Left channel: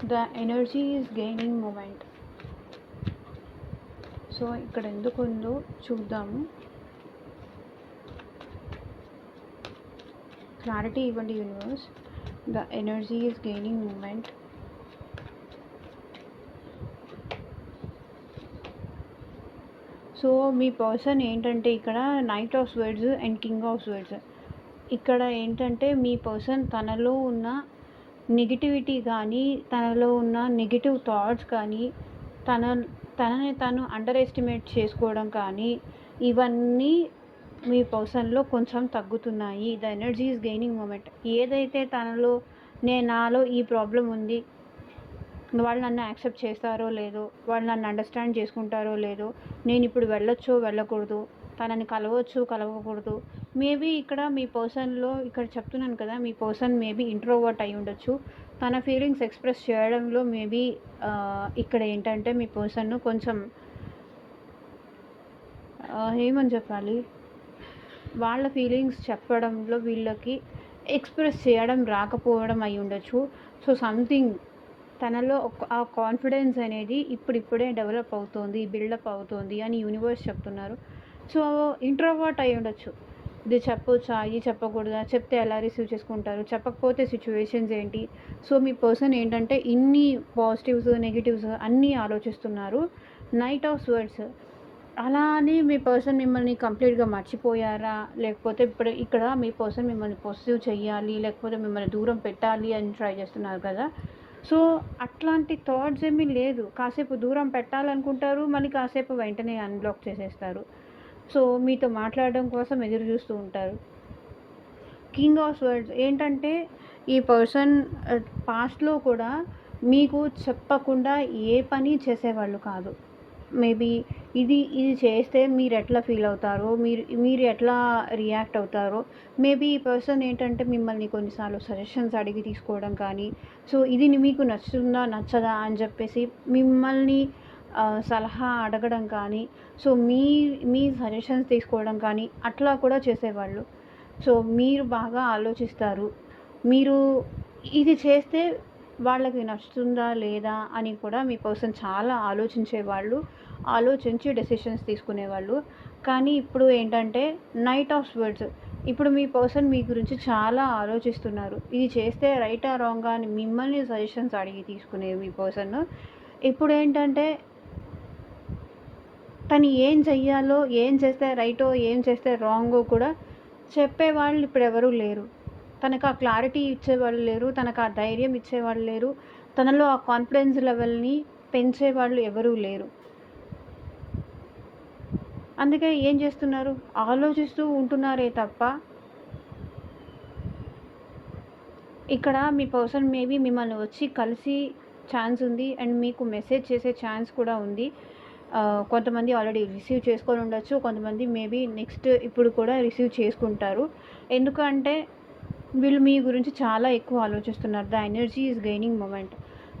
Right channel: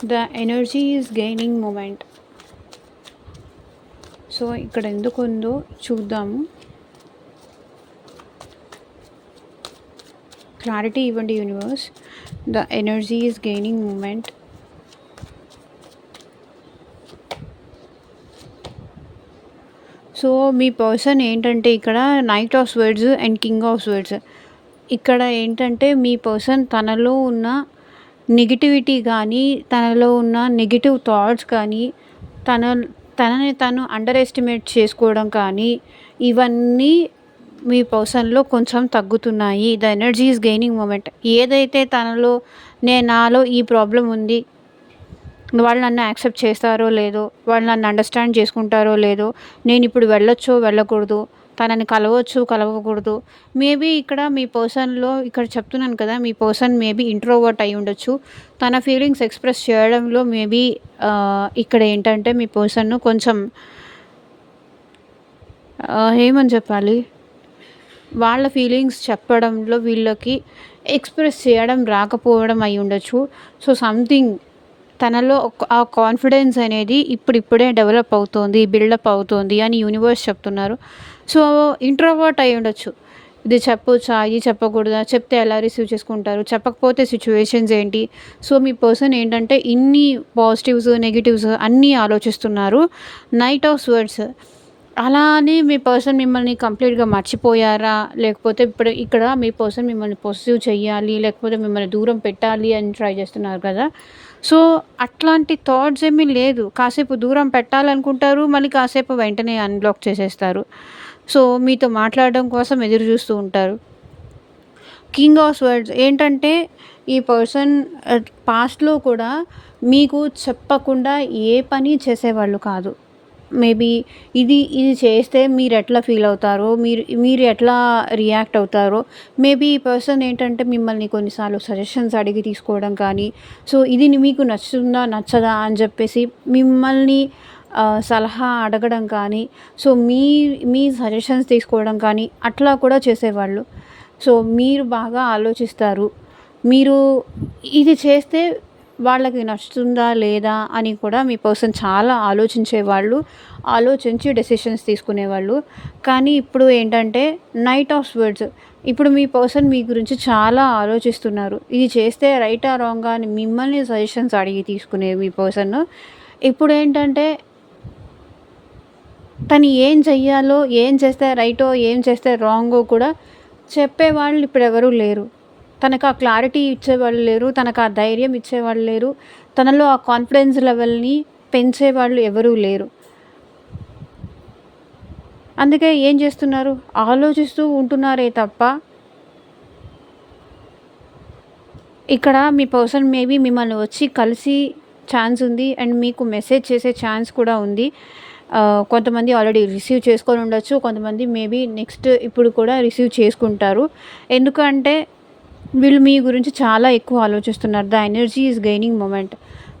The energy is gaining moment. So ఇక్కడ ఎందుకు ఉందో చూద్దాము. క్లారిటీ ఇవ్వండి universe. The energy is gaining moment. So మీ పర్సన్ ఏంటంటే ఇక్కడ knight of swords and king of swords. ఇక్కడ ఏంటంటే మీ పర్సన్ తనలో ఉన్న నెగిటివిటీ కానీ, తనలో ఉన్న నెగిటివ్ థాట్స్ కానీ, తన తనని తను అండర్ ఎస్టిమేట్ చేసుకోవడం కానీ, ఇవన్నీ మీ పర్సన్లో కొంచెం తగ్గుతున్నాయి. The energy is gaining moment. ఏదైతే తనలో నాలో ఈ ప్రాబ్లం ఉంది, వాళ్ళు నన్ను యాక్సెప్ట్ చేస్తారో లేదో, వాళ్ళు నన్ను అండర్స్టాండ్ చేసుకుంటారో లేదో, నేను ఇప్పుడు వెళ్ళొచ్చో వెళ్ళకూడదు, తనని కలవచ్చు కలవకూడదు. మేబీ ఇక్కడ మీ పర్సన్లో ఇక్కడ చెప్తున్నాను కదా, మీ పర్సన్ మేబీ ఇంట్రోవర్ట్ అయి ఉండొచ్చు. తన ఫీలింగ్స్ ఎక్స్ప్రెస్ చేయడంలో మేబీ ఇక్కడ ఏంటంటే మీ పర్సన్ను కొంచెం ఏమని చెప్పాలి, వాళ్ళ ఫీలింగ్స్ చెప్పడంలో వీళ్ళకి ఎక్స్ప్రెస్ చేయడం రాకపోవడం అయి ఉండొచ్చు. సో సంథింగ్ తనలో ఆ కాన్ఫిడెన్స్ అనేది ఇప్పుడిప్పుడే డెవలప్ అవుతోంది, బిల్డప్ అవుతోంది అని యూనివర్స్ చెప్తున్నారు. సో ఇంట్రోవర్ట్ అయి ఉండొచ్చు. ఇది చెప్పొచ్చా, ఇది చెప్పకూడదా, చెప్తే ఎలా రిసీవ్ చేసుకుంటారు, చెప్పకపోతే సిచ్యువేషన్స్ ఏంటి. సో మీ పర్సన్ ఏంటంటే ఇన్ని పాజిటివ్స్ నెగిటివ్స్ అన్నీ ఆలోచిస్తున్నారు. Night of swords. అలా అని మీ పర్సన్ మిమ్మల్ని కంప్లీట్గా మర్చిపోయారా, లేకపోతే ఇప్పుడు ఇక్కడ మీ పర్సన్ మిమ్మల్ని పొసెసివ్ చెయ్యాలి, లేకపోతే మిమ్మల్ని దూరం పెట్టాలి అని ట్రై చేస్తున్నారు కదా. సో అట్లాంటి థాట్స్ ఏమీ లేదు. కాసేపు దూరం పెట్టాలనుకుంటారు, మళ్ళీ కాసేపు వెంటనే అన్బ్లాక్ చేసేస్తారు. సో మీతో మాట్లాడడం కోసం ఎదురు చూస్తూ ఉంటారు. కింగ్ ఆఫ్ స్వర్డ్స్ ఏంటంటే ఈ పర్సన్ పాస్ట్లో కూడా మీకు చెప్పకుండా ఏ పని చేసేవాళ్ళు కాదు. మేబీ ఇది చేస్తే మీరు ఎట్లా ఫీల్ అవుతారో, మీరు ఎట్లా రియాక్ట్ అవుతారో. మేబీ ఈ పర్సన్ ఏంటంటే మిమ్మల్ని కొన్నిసార్లు సజెషన్స్ అడిగి తీసుకోవడం కానీ, సో ఇది మీకు నచ్చుతుందా నచ్చదా అని చెప్పేసి మిమ్మల్ని సలహా అడగడం కానీ, సో మీ సజెషన్స్ తీసుకోవడం కానీ అట్లా కూడా చేసేవాళ్ళు. సో మీరు బాగా ఆలోచిస్తారు. మీరు ఇది చేస్తే వాళ్ళకి నచ్చుతుందా లేదా అని కూడా మీ పర్సన్ చాలా ఆలోచించేవాళ్ళు, ఆలోచించి డెసిషన్స్ తీసుకునేవాళ్ళు. కానీ ఇప్పుడు ఏంటంటే నైట్ ఆఫ్ స్వర్డ్స్. ఇప్పుడు మీ పర్సన్ మీ గురించి చాలా ఆలోచిస్తున్నారు. ఇది చేస్తే రైటా రాంగా అని మిమ్మల్ని సజెషన్స్ అడిగి తీసుకునే మీ పర్సన్ ఇప్పుడు ఏంటంటే తను ఏం చెయ్యాలో, ఏం చేస్తే రైటో, ఏం చేస్తే రాంగో కూడా చెప్పేవాళ్ళు ఇప్పుడు ఎవరూ లేరు. తనకు ఆ క్లారిటీ ఇచ్చేవాళ్ళు లేరు, తనకు ఆ ధైర్యం ఇచ్చేవాళ్ళు లేరు, తనలో ఆ కాన్ఫిడెన్స్ లెవెల్ని పెంచేవాళ్ళు ఎవరూ లేరు. అందుకే ఏం చేస్తున్నారు, ఆలోచిస్తూ ఉంటున్నారే తప్ప ఇక్కడ మీ పర్సన్ మేబీ మిమ్మల్ని వచ్చి కలిసి ఛాన్స్ ఉంది అండ్ మీకు మెసేజ్ చేసే ఛాన్స్ కూడా ఉంది. కొంతమంది ఆల్రెడీ రిసీవ్ చేసుకొని ఉండొచ్చు, కొంతమంది మేబీ నెక్స్ట్ ఇప్పుడు కూడా రిసీవ్ చేసుకుంటారు. ఎందుకంటే వీళ్ళు మీ గురించి చాలా ఎక్కువ ఆలోచిస్తున్నారు. The energy is gaining moment.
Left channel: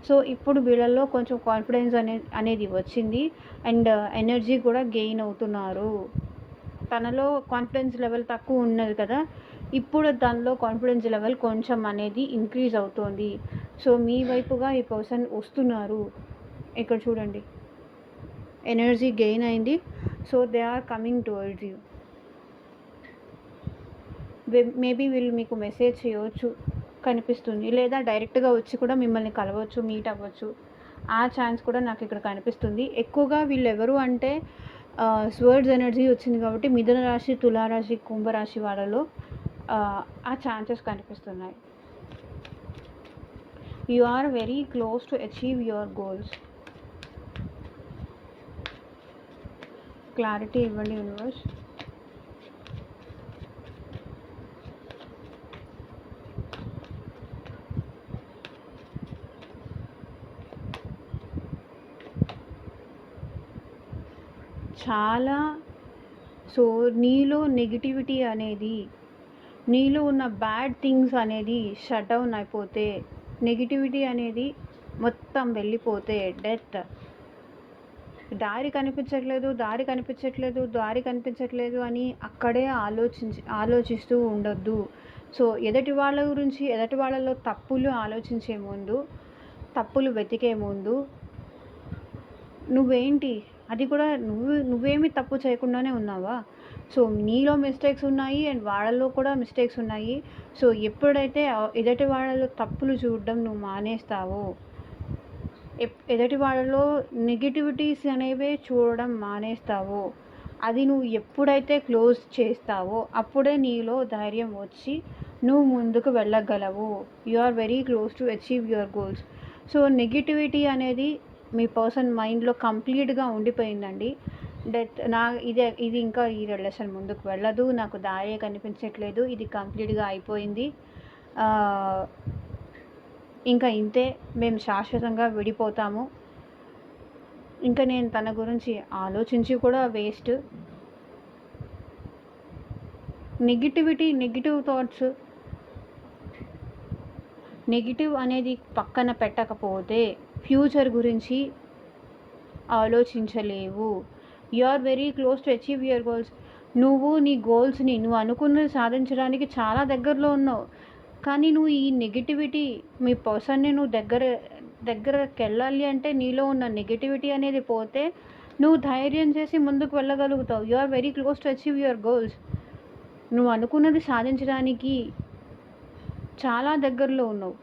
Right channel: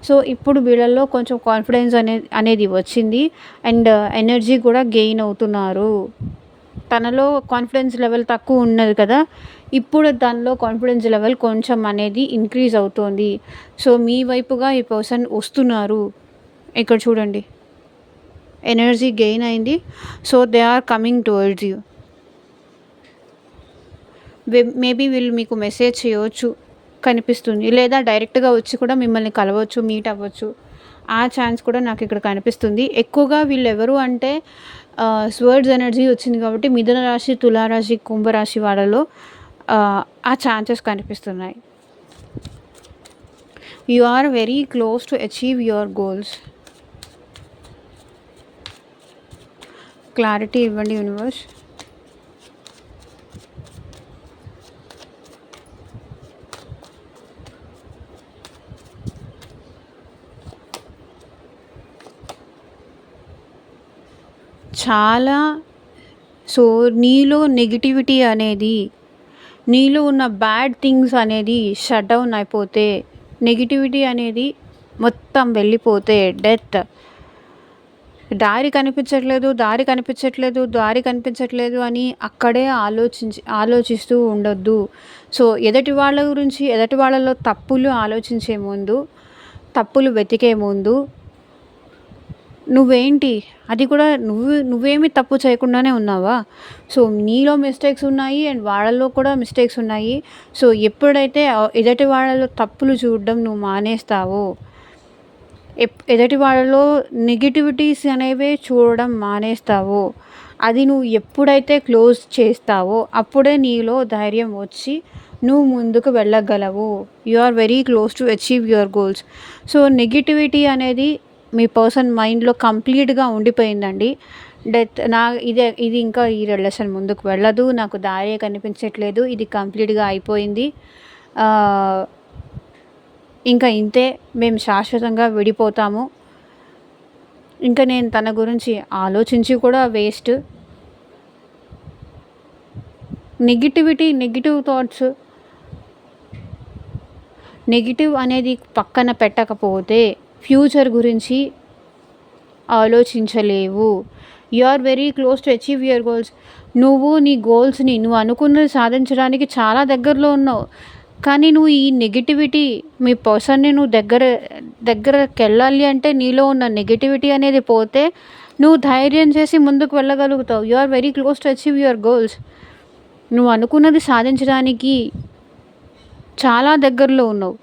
So ఇప్పుడు వీళ్ళల్లో కొంచెం కాన్ఫిడెన్స్ అనేది వచ్చింది అండ్ ఎనర్జీ కూడా గెయిన్ అవుతున్నారు. తనలో కాన్ఫిడెన్స్ లెవెల్ తక్కువ ఉన్నది కదా, ఇప్పుడు దానిలో కాన్ఫిడెన్స్ లెవెల్ కొంచెం అనేది ఇంక్రీజ్ అవుతుంది. సో మీ వైపుగా ఈ పర్సన్ వస్తున్నారు. ఇక్కడ చూడండి, ఎనర్జీ గెయిన్ అయింది. So they are coming towards you. Maybe వీళ్ళు మీకు మెసేజ్ చేయవచ్చు కనిపిస్తుంది, లేదా డైరెక్ట్గా వచ్చి కూడా మిమ్మల్ని కలవచ్చు, మీట్ అవ్వచ్చు. ఆ ఛాన్స్ కూడా నాకు ఇక్కడ కనిపిస్తుంది. ఎక్కువగా వీళ్ళు ఎవరు అంటే స్వర్డ్స్ ఎనర్జీ వచ్చింది కాబట్టి మిథున రాశి, తులారాశి, కుంభరాశి వాళ్ళలో ఆ ఛాన్సెస్ కనిపిస్తున్నాయి. You are very close to achieve your goals. Clarity ఇవ్వండి యూనివర్స్. చాలా. సో నీలో నెగిటివిటీ అనేది, నీలో ఉన్న బ్యాడ్ థింగ్స్ అనేది షట్ డౌన్ అయిపోతే, నెగిటివిటీ అనేది మొత్తం వెళ్ళిపోతే, డెత్. దారి కనిపించట్లేదు, దారి కనిపించట్లేదు, దారి కనిపించట్లేదు అని అక్కడే ఆలోచిస్తూ ఉండొద్దు. సో ఎదుటి వాళ్ళ గురించి, ఎదుటి వాళ్ళలో తప్పులు ఆలోచించే ముందు తప్పులు వెతికే ముందు నువ్వేంటి? అది కూడా నువ్వేమి తప్పు చేయకుండానే ఉన్నావా? సో, నీలో మిస్టేక్స్ ఉన్నాయి అండ్ వాళ్ళలో కూడా మిస్టేక్స్ ఉన్నాయి. సో, ఎప్పుడైతే ఎదుటి వాళ్ళలో తప్పులు చూడడం నువ్వు మానేస్తావో, ఎదుటి వాళ్ళలో నెగటివిటీస్ అనేవే చూడడం మానేస్తావో, అది నువ్వు ఎప్పుడైతే క్లోజ్ చేస్తావో అప్పుడే నీలో ధైర్యం వచ్చి నువ్వు ముందుకు వెళ్ళగలవు. You are very close to achieve your goals. So, negativity అనేది మీ పర్సన్ మైండ్‌లో కంప్లీట్‌గా ఉండిపోయిందండి. ఇది ఇంకా ఈ రిలేషన్ ముందుకు వెళ్ళదు. నాకు దారే కనిపించట్లేదు. ఇది కంప్లీట్‌గా అయిపోయింది. ఆహ్, ఇంకా ఇంతే, మేము శాశ్వతంగా విడిపోతాము. ఇంకా నేను తన గురించి ఆలోచించి కూడా వేస్ట్. నెగటివ్ థాట్స్, నెగటివ్ అనేది పక్కన పెట్టకపోతే ఫ్యూచర్ గురించి ఆలోచించలేవు. You are very close to achieve your goals. నువ్వు నీ గోల్స్‌ని నువ్వు అనుకున్నది సాధించడానికి చాలా దగ్గరలో ఉన్నావు. కానీ నువ్వు ఈ నెగటివిటీ, మీ పర్సన్‌ని నువ్వు దగ్గరకెళ్ళాలి అంటే నీలో ఉన్న నెగటివిటీ అనేది పోతే నువ్వు ధైర్యం చేసి ముందుకు వెళ్ళగలుగుతావు. You are very close to achieve your goals. నువ్వు అనుకున్నది సాధించడానికి చాలా దగ్గరలో ఉన్నావు.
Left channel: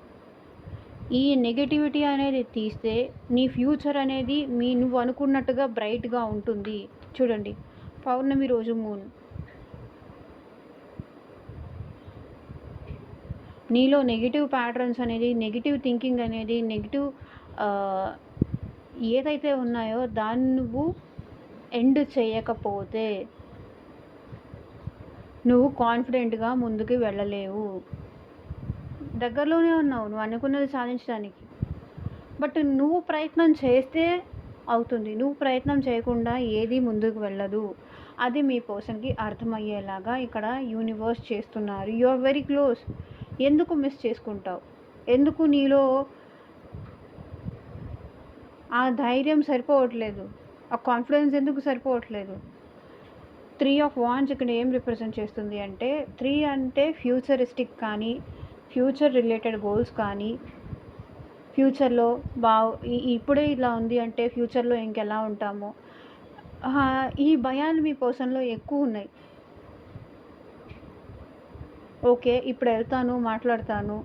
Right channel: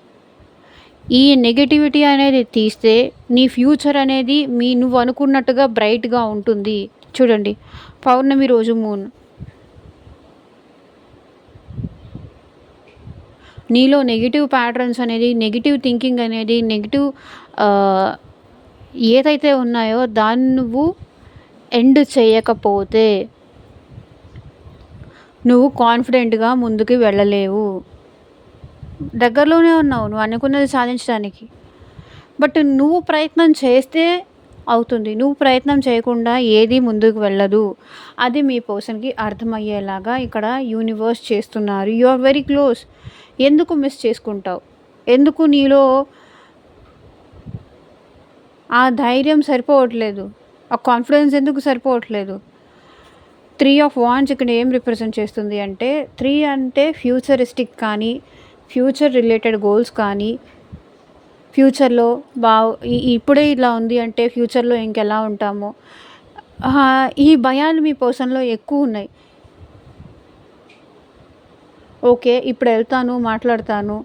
ఈ నెగటివిటీ అనేది తీస్తే నీ ఫ్యూచర్ అనేది నువ్వు అనుకున్నట్టుగా బ్రైట్‌గా ఉంటుంది. చూడండి, పౌర్ణమి రోజు మూన్. నీలో నెగెటివ్ ప్యాటర్న్స్ అనేది, నెగెటివ్ థింకింగ్ అనేది, నెగెటివ్ ఏదైతే ఉన్నాయో దాన్ని నువ్వు ఎండ్ చేయకపోతే నువ్వు కాన్ఫిడెంట్‌గా ముందుకు వెళ్ళలేవు. దగ్గరలోనే ఉన్నావు నువ్వు అనుకున్నది సాధించడానికి. బట్ నువ్వు ప్రయత్నం చేస్తే అవుతుంది. నువ్వు ప్రయత్నం చేయకుండా ఏది ముందుకు వెళ్ళదు. అది మీ పర్సన్‌కి అర్థమయ్యేలాగా ఇక్కడ యూనివర్స్ చేస్తున్నారు. You are very close. ఎందుకు మిస్ చేసుకుంటావు? ఎందుకు నీలో ఆ ధైర్యం సరిపోవట్లేదు? ఆ కాన్ఫిడెన్స్ ఎందుకు సరిపోవట్లేదు? 3 ఆఫ్ వాండ్స్ ఇక్కడ ఏం రిప్రజెంట్ చేస్తుంది అంటే, 3 అంటే ఫ్యూచరిస్టిక్ కానీ, ఫ్యూచర్ రిలేటెడ్ గోల్స్ కానీ, ఫ్యూచర్‌లో ఇప్పుడే ఇలా ఉంది అంటే ఫ్యూచర్‌లో ఇంకెలా ఉంటామో, ఈ భయాలు మీ పర్సన్‌లో ఎక్కువున్నాయి. ఓకే, ఇప్పుడు వెళ్తాను, మాట్లాడతాను.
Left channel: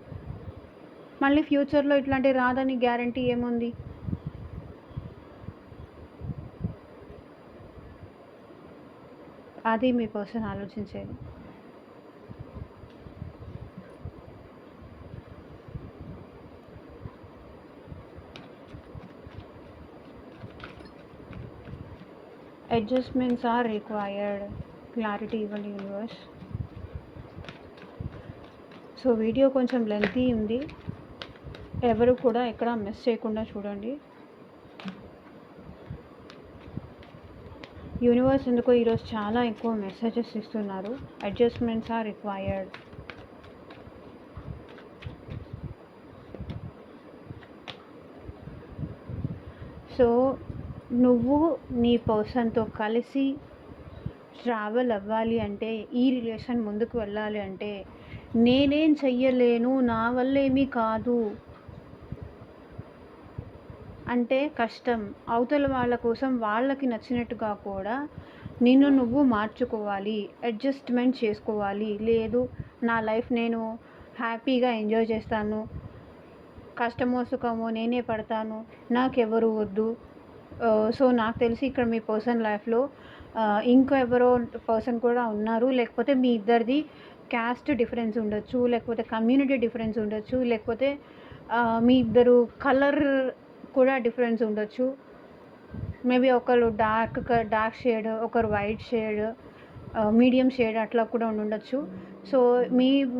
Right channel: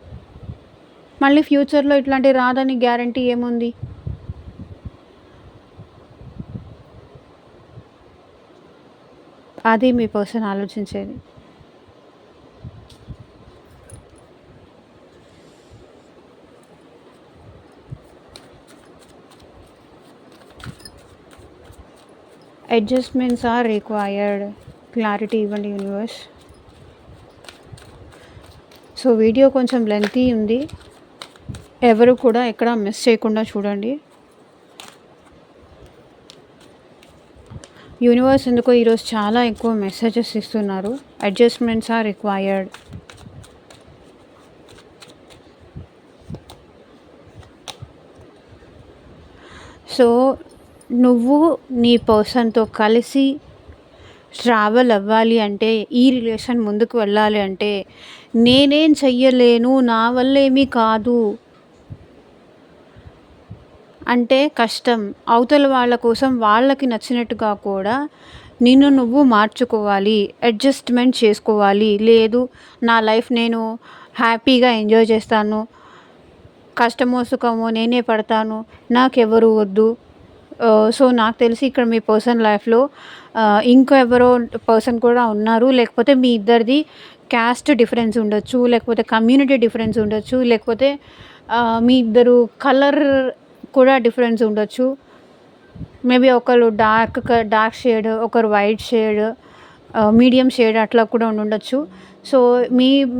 మళ్ళీ ఫ్యూచర్‌లో ఇట్లాంటివి రాదని గ్యారంటీ ఏముంది? అది మీ పర్సన్ ఆలోచించేది. Adjustments are required. క్లారిటీ ఇవ్వండి యూనివర్స్. సో, వీడియో కొంచెం లెంతీ ఉంది. ఎవరు కూడా ఎక్కడ మిస్ చేయకుండా చూడండి. యూనివర్స్ ఎందుకో ఈరోజు చాలా ఎక్కువ మెసేజెస్ ఇస్తున్నారు. Adjustments are required. సో, నువ్వు నీ పర్సన్‌తో కలిసి ట్రావెల్ అవ్వాలి అంటే, ఈ రిలేషన్ ముందుకు వెళ్ళాలి అంటే, నేనేం చెయ్యలేను, నా వల్ల ఏమీ కాదు అంటే కష్టం. అవతల వాళ్ళ కోసం వాళ్ళకి నచ్చినట్టుగా కూడా నిన్ను నువ్వు మార్చుకోవాలి, అడ్జస్ట్‌మెంట్ చేసుకోవాలి. లేదు, నా లైఫ్ నేను హ్యాపీగా ఎంజాయ్ చేస్తాను, కష్టమో సుఖమో నేనే పడతాను, నాకెవరు వద్దు. సో, నాకు తెలిసి ఇక్కడ మీ పర్సన్ లైఫ్‌లో ఇంకో ఎవరో పర్సన్ కూడా ఉన్నారు. లేకపోతే మీ ఇద్దరిది క్యాస్ట్ డిఫరెన్స్ ఉండొచ్చు, లేకపోతే కమ్యూనిటీ డిఫరెన్స్ ఉండొచ్చు, లేకపోతే మీ ఇద్దరు కలర్ కూడా డిఫరెన్స్ ఉండొచ్చు. మేబీ ఒకరు డార్క్ షేడ్, ఒకరు వైట్ షేడ్, మీడియం షేడ్ అట్లా కూడా ఉండుండొచ్చు. సో,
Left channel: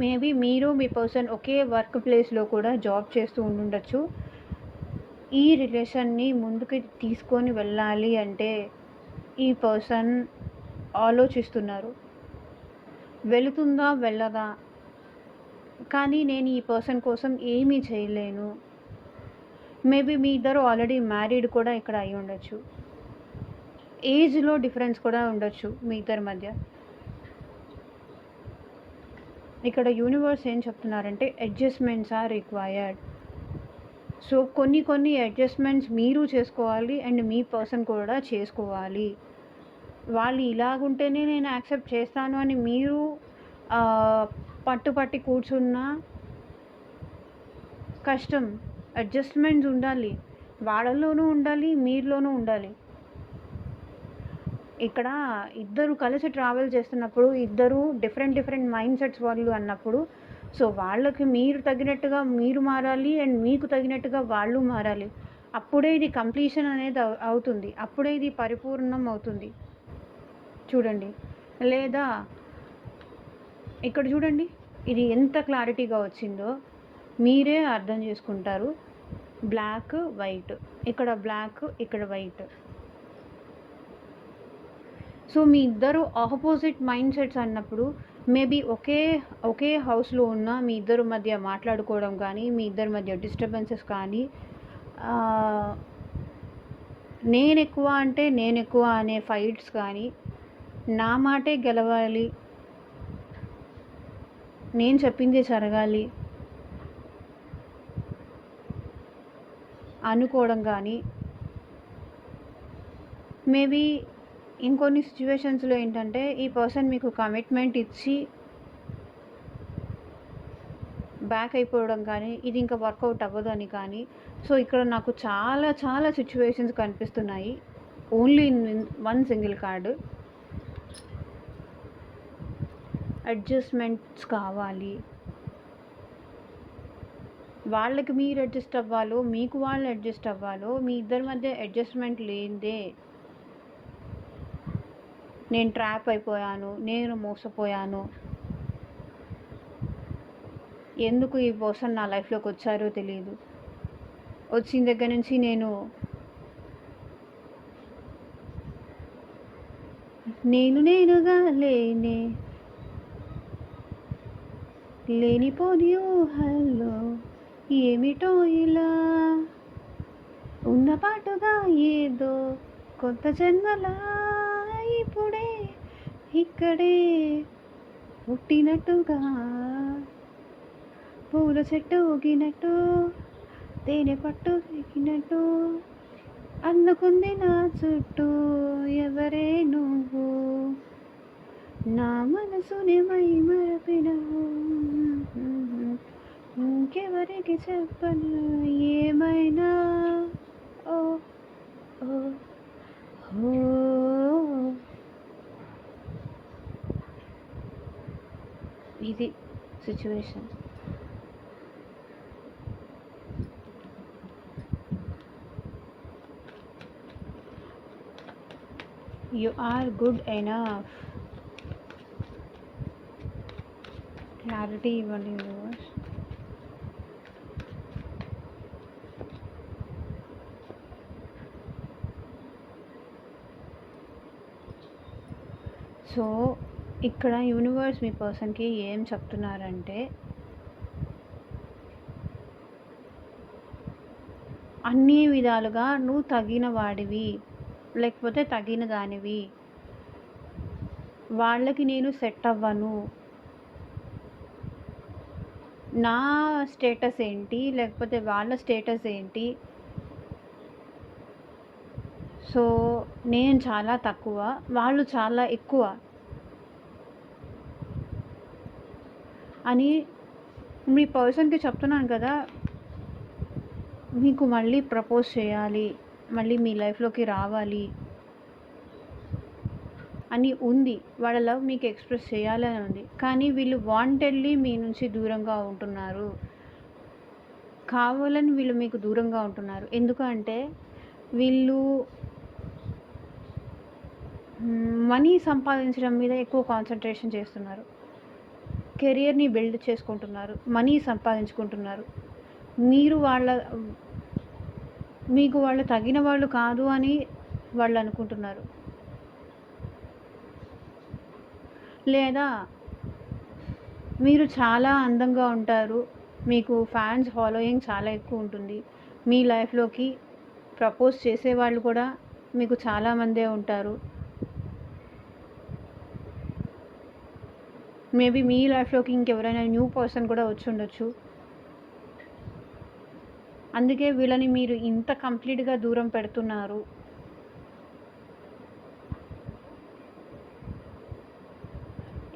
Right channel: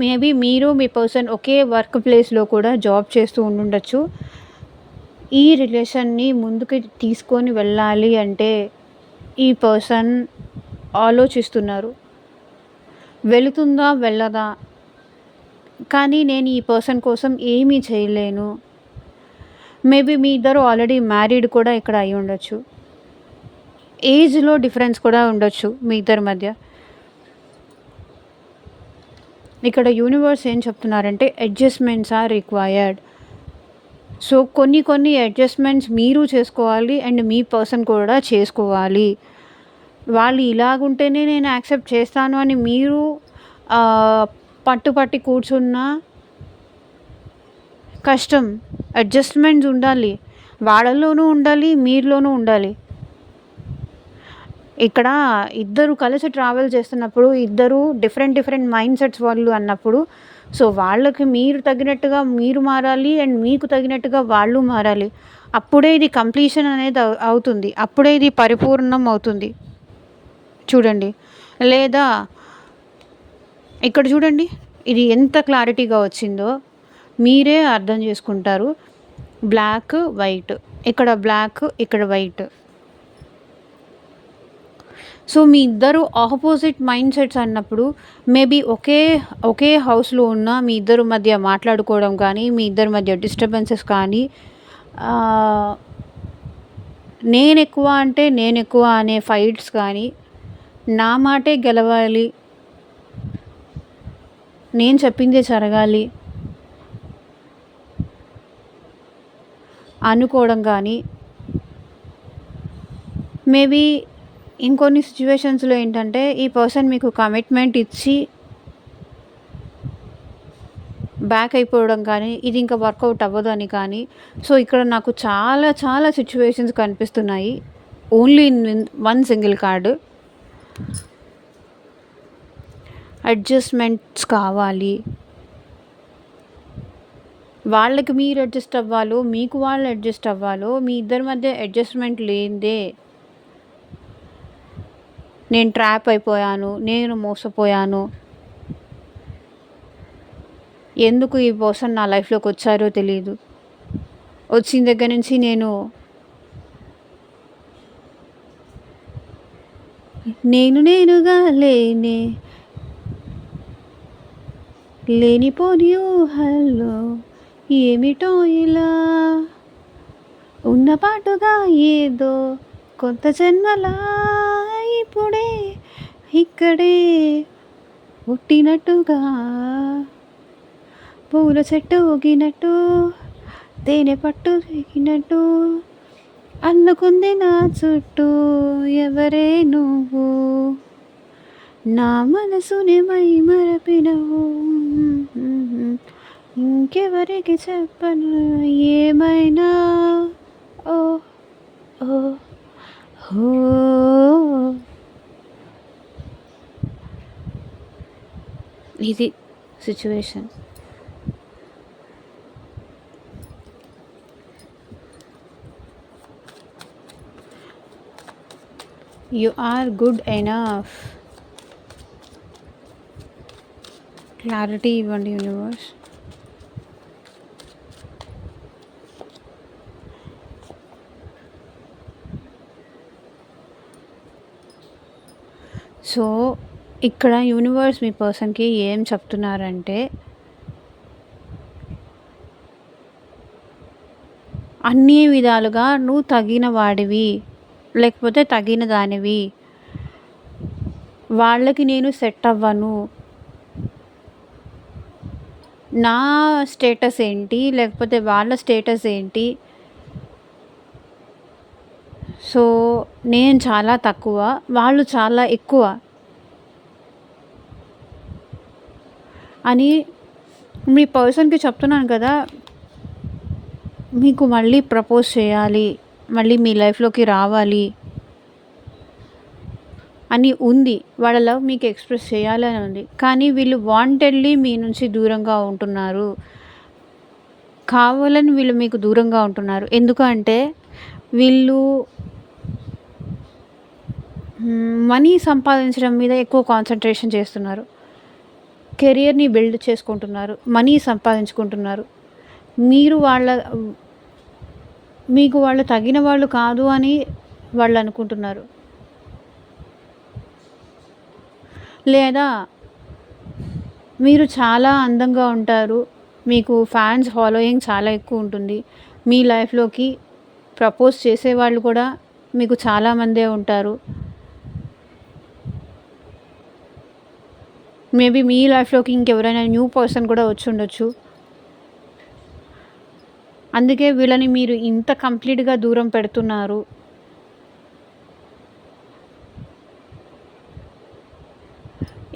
మేబీ మీరు మీ పర్సన్ ఒకే వర్క్ ప్లేస్‌లో కూడా జాబ్ చేస్తూ ఉండుండొచ్చు. ఈ రిలేషన్‌ని ముందుకు తీసుకొని వెళ్ళాలి అంటే ఈ పర్సన్ ఆలోచిస్తున్నారు. వెళుతుందా? వెళ్ళదా? కానీ నేను ఈ పర్సన్ కోసం ఏమీ చేయలేను. మేబీ మీ ఇద్దరు ఆల్రెడీ మ్యారీడ్ కూడా ఇక్కడ అయి ఉండొచ్చు. ఏజ్‌లో డిఫరెన్స్ కూడా ఉండొచ్చు మీ ఇద్దరి మధ్య. ఇక్కడ యూనివర్స్ ఏం చెప్తున్నారంటే అడ్జస్ట్‌మెంట్స్ ఆర్ రిక్వైర్డ్. సో కొన్ని కొన్ని అడ్జస్ట్మెంట్స్ మీరు చేసుకోవాలి అండ్ మీ పర్సన్ కూడా చేసుకోవాలి. వాళ్ళు ఇలాగుంటేనే నేను యాక్సెప్ట్ చేస్తాను అని మీరు పట్టుపట్టి కూర్చున్నా కష్టం. అడ్జస్ట్మెంట్స్ ఉండాలి, వాళ్ళలోనూ ఉండాలి, మీలోనూ ఉండాలి. ఇక్కడ ఇద్దరు కలిసి ట్రావెల్ చేస్తున్నప్పుడు ఇద్దరు డిఫరెంట్ డిఫరెంట్ మైండ్ సెట్స్ వాళ్ళు అన్నప్పుడు సో వాళ్ళకి మీరు తగినట్టుగా మీరు మారాలి అండ్ మీకు తగినట్టుగా వాళ్ళు మారాలి. అప్పుడే ఇది కంప్లీషన్ అనేది అవుతుంది, అప్పుడే ఇది పరిపూర్ణం అవుతుంది. చూడండి, లేదా ఇక్కడ చూడండి ఇది ఎంత క్లారిటీగా వచ్చిందో మీరే అర్థం చేసుకుంటారు. బ్లాక్ వైట్, ఇక్కడ బ్లాక్ ఇక్కడ వైట్. సో మీ ఇద్దరు ఆపోజిట్ మైండ్ సెట్స్ అన్నప్పుడు మేబీ ఒకే హౌస్లో ఉన్న మీ ఇద్దరు మధ్య మాట్లాడుకోవడం కానీ మీ ఇద్దరి మధ్య డిస్టర్బెన్సెస్ కానీ నేను ఎక్కువ అంటే నేను ఎక్కువ అనే ఫైట్స్ కానీ నా మాటే గెలవాలి, నేను చెప్పిందే జరగాలి అనుకోవడం కానీ మేబీ ఇంకొన్ని సిచ్యువేషన్స్లో ఏంటంటే ఈ పర్సన్ మీకు కమిట్మెంట్ ఇచ్చి బ్యాక్ అయిపోవడం కానీ ఇది ఇంకా వర్కౌట్ అవ్వదు అని కానీ. సో ఇక్కడ నాకు చాలా చాలా సిచ్యువేషన్స్ కనిపిస్తున్నాయి only in one single card. Adjustments కావాలి, వాళ్ళకి మీరు అడ్జస్ట్ అవ్వాలో మీకు వాళ్ళు అడ్జస్ట్ అవ్వాలో మీ ఇద్దరి మధ్య అడ్జస్ట్మెంట్ లేదే నేను ట్రాప్ అయిపోయాను, నేను మోసపోయాను, ఎందుకు ఈ పర్సన్ నా లైఫ్లోకి వచ్చారో తెలియదు, వచ్చిన దగ్గర నుంచి నేనుగా లేనిపోని ఊహల్లో ఏమిటో ఇలా ఉన్న పాటుగా ఏదో కొత్త జన్మలా ఇప్పుడే ఇక్కడే పుట్టినట్టుగా పూల చెట్టు ఊగినట్టు తేనె పట్టు దిగినట్టు అల్లుకుంది నా చుట్టూ ఎవరే నువ్వు, నా మనసుని మై మరపినవు, ఇంకెవరికి చెప్పను ఏమైనా. ఓ ఓ ఓ ఇది situation. You are good enough. Clarity ఇవ్వండి యూనివర్స్. సో ఇక్కడ యూనివర్స్ మీ పర్సన్కి ఏం చెప్తున్నారంటే అన్ని విధాలుగా నువ్వు తగిన వాడివి లేకపోతే తగిన దానివి, వాళ్ళకి నేను సెట్ అవ్వను, నా స్టేటస్ ఏంటి లేకపోతే వాళ్ళ స్టేటస్ ఏంటి, సో నేను చాలా తక్కువ వాళ్ళు చాలా ఎక్కువ అని మీ పర్సన్కి చెప్తున్నాను కదా. మీకు మళ్ళీ ప్రపోజ్ చేయాలి, మళ్ళీ మీ లైఫ్లోకి రావాలి అని ఉంది, వాళ్ళ లవ్ మీకు ఎక్స్ప్రెస్ చేయాలని ఉంది. కానీ వీళ్ళు వాంటెడ్లీ మీ నుంచి దూరంగా ఉంటున్నారు, కావాలని వీళ్ళు మీకు దూరంగా ఉంటున్నారు. ఎందుకంటే వీళ్ళు మనీ సంపాదించడం మీద ఎక్కువ కాన్సన్ట్రేషన్ చేస్తున్నారు, కెరియర్ని బిల్డ్ చేసుకుంటున్నారు, మనీ సంపాదించుకుంటున్నారు. మీకు వాళ్ళు తగిన వాళ్ళు కాదు అని వాళ్ళు అనుకుంటున్నారు, లేదా మీరు చాలా అందంగా ఉంటారు, మీకు ఫ్యాన్స్ ఫాలోయింగ్ చాలా ఎక్కువ ఉంటుంది, మీ లైఫ్లోకి ప్రపోజ్ చేసేవాళ్ళు కూడా మీకు చాలామందే ఉంటారు. మేబీ మీ లైఫ్లోకి ఇంకెవరైనా న్యూ పర్సన్ కూడా వచ్చి ఉండొచ్చు. అందుకే వీళ్ళని మీరు ఇంత కంప్లీట్‌గా దూరం పెడుతున్నారు.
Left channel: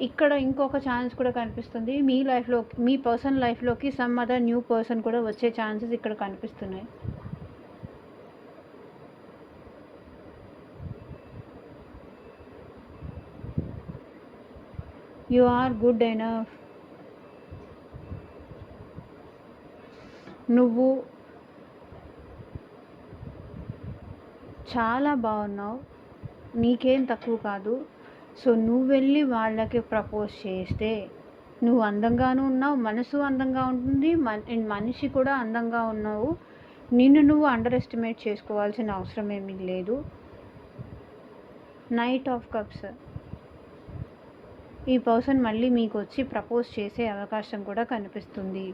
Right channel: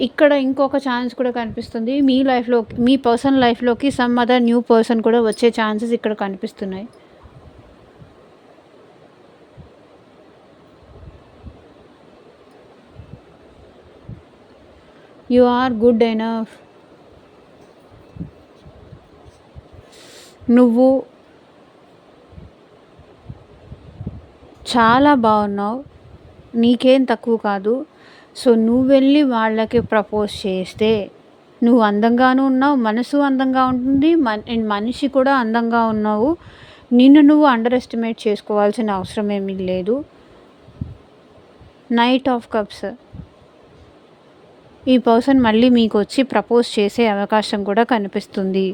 ఇక్కడ ఇంకొక ఛాన్స్ కూడా కనిపిస్తుంది. మీ లైఫ్‌లో మీ పర్సనల్ లైఫ్‌లోకి సమ్ అదర్ న్యూ పర్సన్ కూడా వచ్చే ఛాన్సెస్ ఇక్కడ కనిపిస్తున్నాయి. You are good enough. నువ్వు చాలా బాగున్నావు. నీకేం తక్కువ కాదు. సో నువ్వు వెళ్ళి వాళ్ళకి ప్రపోజ్ చేస్తే నువ్వు అందంగాను ఉన్నావు, మనసు అందంగా ఉంటుంది, మనిషి కూడా అందంగా ఉన్నావు. నిన్ను నువ్వు అండర్ ఎస్టిమేట్ చేసుకోవాల్సిన అవసరం ఏమీ లేదు. Night of cups. ఈ పర్సన్ మళ్ళీ మీకు వచ్చి ప్రపోజ్ చేసే అవకాశం కూడా కనిపిస్తుంది.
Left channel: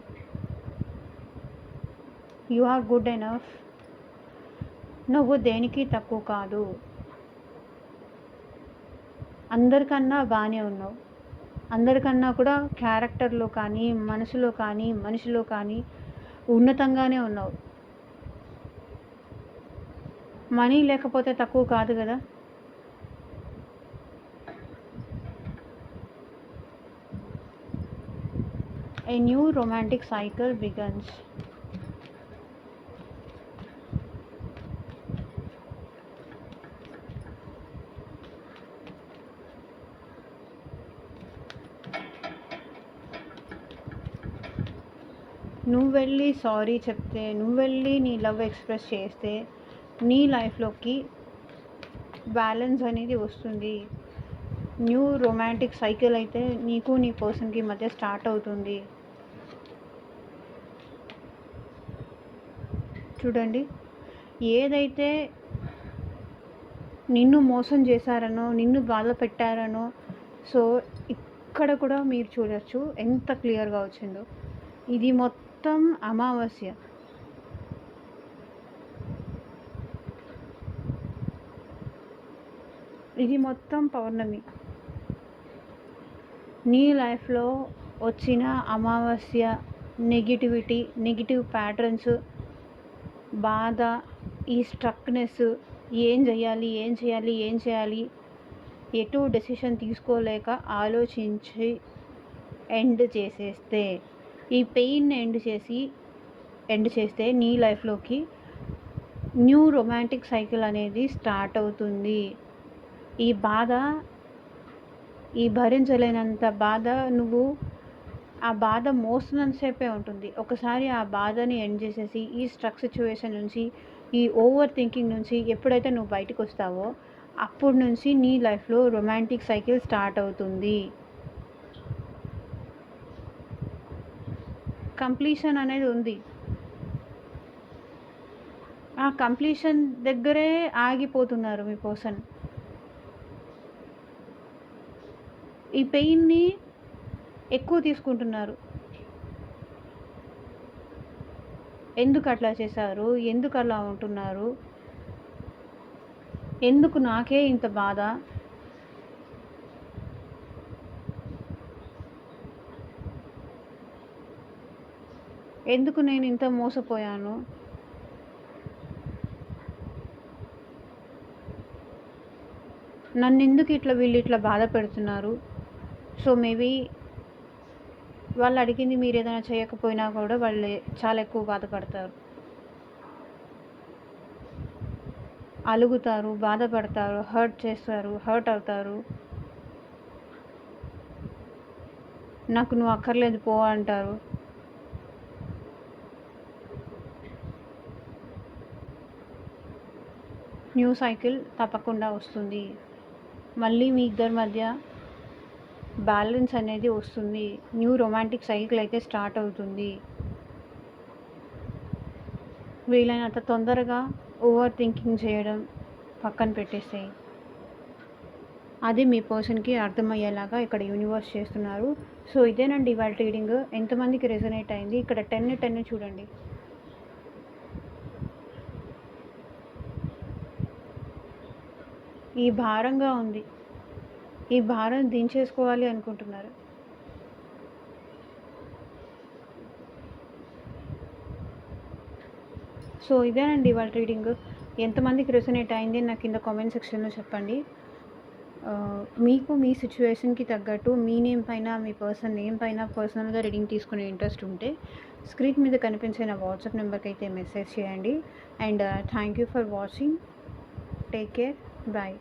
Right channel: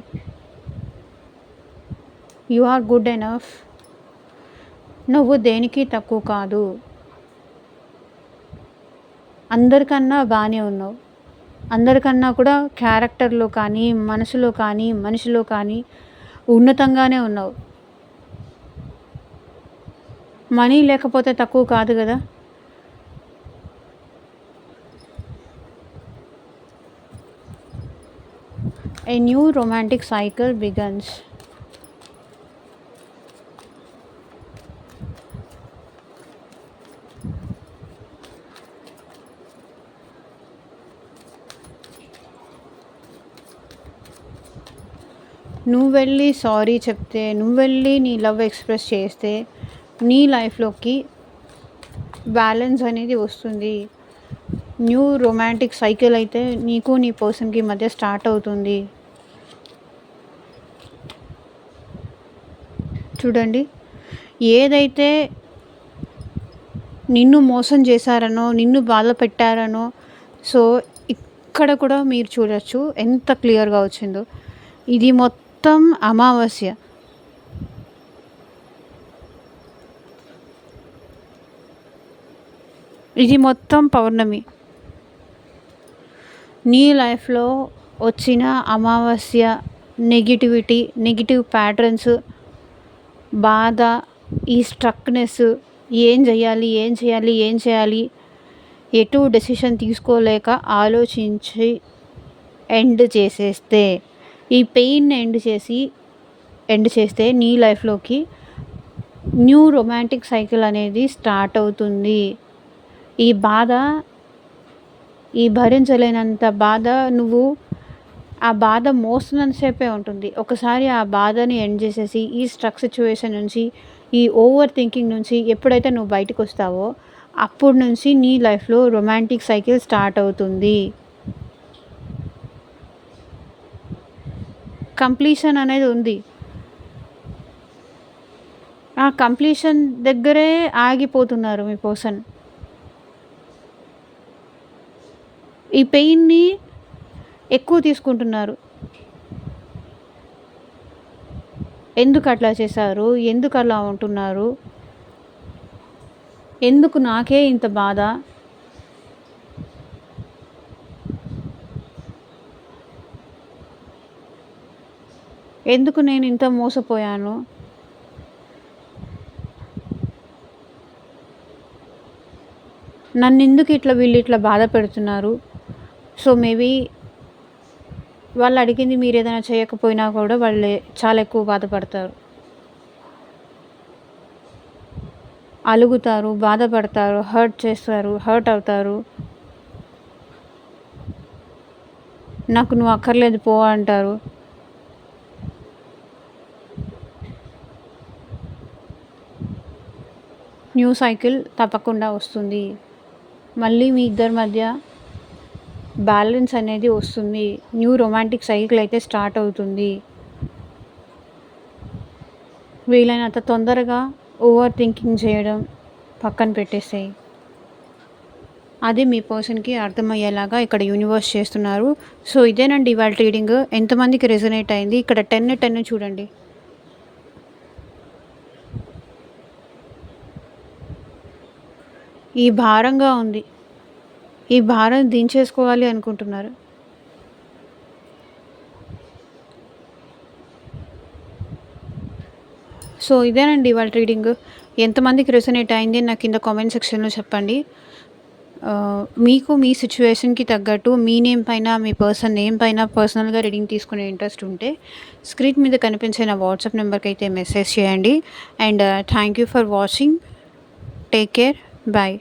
You are good enough. నువ్వు దేనికి తక్కువ కాదు. అందరికన్నా బాగానే ఉన్నావు. అందరికన్నా కూడా క్యారెక్టర్లో కానీ, మనసులో కానీ, మనిషిలో కానీ ఉన్నతంగానే ఉన్నావు. మనీ లేకపోతే తక్కువ కాదు కదా. A new romantic cycle begins. నువ్వు వెళ్ళి సారీ చెప్తే, నువ్వు వెళ్ళి నీ లవ్ ఎక్స్ప్రెస్ చేస్తే నీ లైఫ్లోకి బ్యాలెన్స్ అనేది వస్తుంది. న్యూ రొమాంటిక్ సైకిల్ అయితే నీకు నీ పర్సన్కి మధ్య స్టార్ట్ అవుతుంది. చూడండి, ఏదైతే నిన్ను మోసం చేశారనో, నిన్ను బాధ పెట్టారనో, సో ఇక్కడ కూడా మీరు చూడొచ్చు ఎంత క్లియర్గా వచ్చిందో. ఇది మొత్తం అమావాస్య. ఇది మొత్తం పౌర్ణమి. నీ లైఫ్లో వచ్చిన అమావాస్య నెగిటివిటీ, నెగిటివ్ ప్యాటర్న్స్, బాధ, ఈ స్ట్రక్నెస్, ఏం చేయాలి ఎటు డెసిషన్ తీసుకోలేక ఆలోచించి ఎండ్ చేసేస్తే, ఈ పెయిన్ని ఎండ్ చేస్తే నీ లైఫ్లోకి న్యూ రొమాంటిక్ సైకిల్ అనేది స్టార్ట్ అవుతుంది. ఈ భరించలేనంత బాధ, నువ్వు ఆ బాధ మోస్తున్నంతసేపే ఉంటుంది. ఒకసారి ఆ బాధని ఎండ్ చేసేసి, ఈ స్ట్రక్ సిచ్యువేషన్ నుంచి, ఈ ఓవర్ థింకింగ్ నుంచి ఎప్పుడైతే నువ్వు బయటకు వస్తావో అప్పటి నుంచి నీ లైఫ్లో రొమాంటిక్ సైకిల్ స్టార్ట్ అవుతుంది. కంప్లీషన్ అనేది ఉంది. ఆ కంప్లీషన్ దగ్గరే ఆగిపోతున్నారు మీ పర్సన్. ఈ పెయిన్ని ఎక్కువ తీసుకుంటున్నారు. ఎందుకు అట్లా చేశారు, ఎందుకు అలా ఉంటున్నారు, ఎందుకు నాకే ఇంత బాధ, ఎందుకు నేను ఇంత మోసపోయాను, నన్ను ఎందుకు వీళ్ళు ఇట్లా బాధ పెడుతున్నారు. సో మేబీ వాళ్ళు అడిగింది మీరు ఏదైనా చేయకపోయినా కూడా వాళ్ళు చాలా ఎక్కువ బాధపడతారు, అలుగుతారు, బాధపడతారు, హర్ట్ అవుతారు. నాకు నువ్వు అక్కర్లేదు పో అంటారు. న్యూ సైకిల్ తప్పకుండా వస్తుంది. మళ్ళీ మీ ఇద్దరి మధ్య బ్యాలెన్స్ అనేది వస్తుంది. న్యూ రొమాంటిక్ సైకిల్ అయితే స్టార్ట్ అవుతుంది. వీలైనంత తొందరగా ఓవర్ థింకింగ్ చేయడం పక్కన పెట్టేసాయి. అది మీ పర్సన్కి అర్థమయ్యేలాగా ఇక్కడ యూనివర్స్ చేస్తున్నారు. సో ఇదేనండి ఇవాళ రీడింగ్. ఎంతమందికి రెజొనేట్ అయింది? ఇక్కడ 10 చూడండి. ఈ భారంగా ఉంది. ఈ భారం దించేసుకోవాలి అనుకుంటున్నారు. సో ఇదేనండి ఇవాళ రీడింగ్. ఎంతమందికి రెసొనేట్ అయింది నాకు కింద కామెంట్ సెక్షన్‌లో చెప్పండి. మీకు మీ సిట్యుయేషన్‌కి తగ్గట్టు మీ నేమ్ పైన, మీ పర్సన్ నేమ్ పైన పర్సనల్‌గా రీడింగ్ తీసుకునే ఇంట్రెస్ట్ ఉంటే స్క్రీన్ మీద కనిపించే నా వాట్సాప్ నెంబర్‌కైతే మెసేజ్ చేయండి. And thank you for watching. Take care. Bye.